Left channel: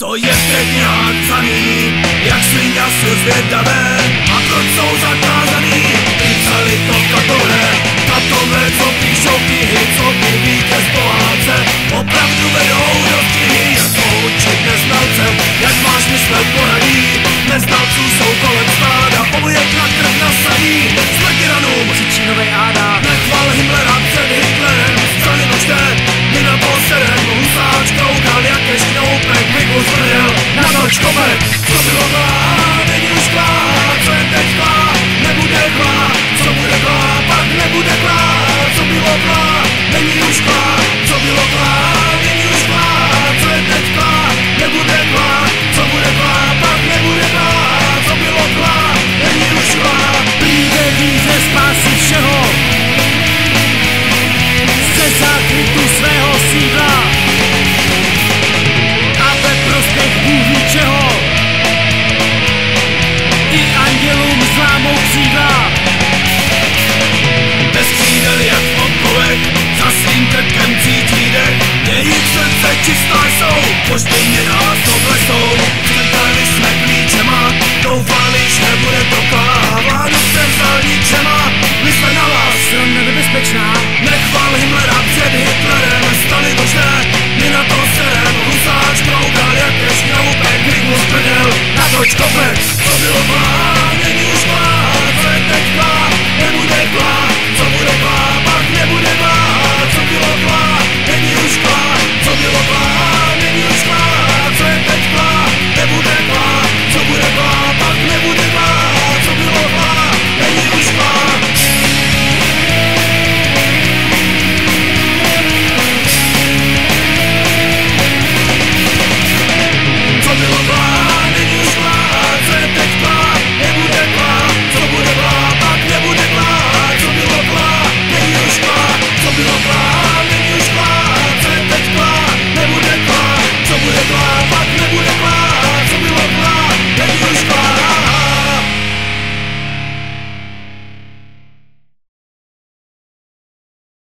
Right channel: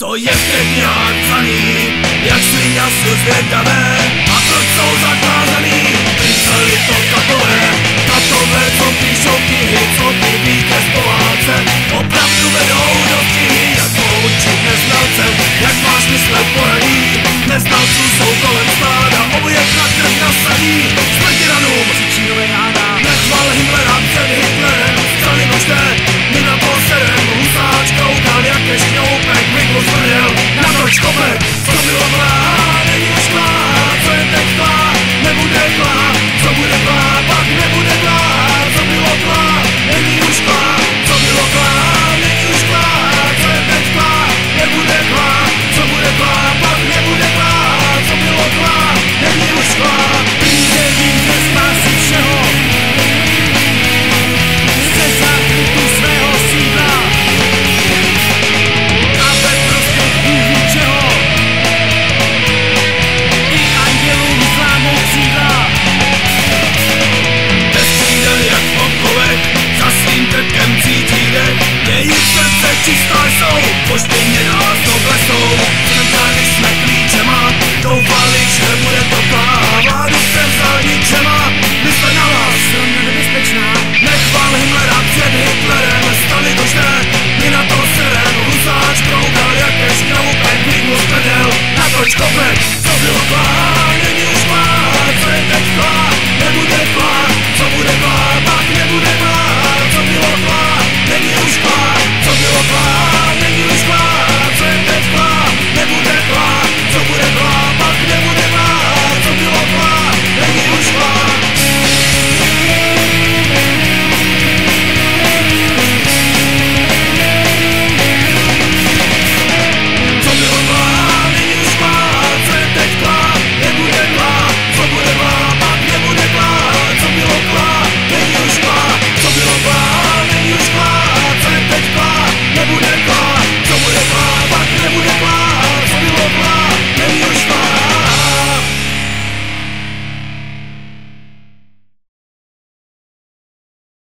Co je v těch knihách psaný, jak svině jsou zvědavé, a proč jsou zakázaný, písali to katové, co píšou knihy, co by vítěz pohádce, opravdu vedou do knihy, jak poučit neznalce, jak máš myslet poradí, neznalců jsou kolem stáda, obojek na krv nasadí, smrt tyranům, křičí novej Áda. nechval Himmlera před Hitlerem, strany nožte, my na to serem, husáč koukal jak ke šňoupek, vyklus prdel, natoč kopek, co bylo klá, není už klá, co je teď klá, nebude klá, co bude klá, pak nebude klá, co bylo klá, není už klá, co bylo klá, není už klá, co je teď klá, nebude klá, co bude klá, pak nebude klá, co bylo klá, není už klá. Přijde víře spásy všeho, ze zákrytu svého sídla a ve prospěch Bůh ví čeho, i andělům zlámou křídla. Bez křídel jak v okovech, za svým krkem cítí dech, jejich srdce čistá jsou, pošpině nás oblesou. Čekali jsme klíčema, doufali, že bude to klá, vládu převzal ničema, my jsme na vás. Strana nebezpečná, Nechval Himmlera před Hitlerem, stali dožné, my na to serem, husáč kroukal jak ke šňoupek, vyklus prdel, natoč kopek, co bylo klá, není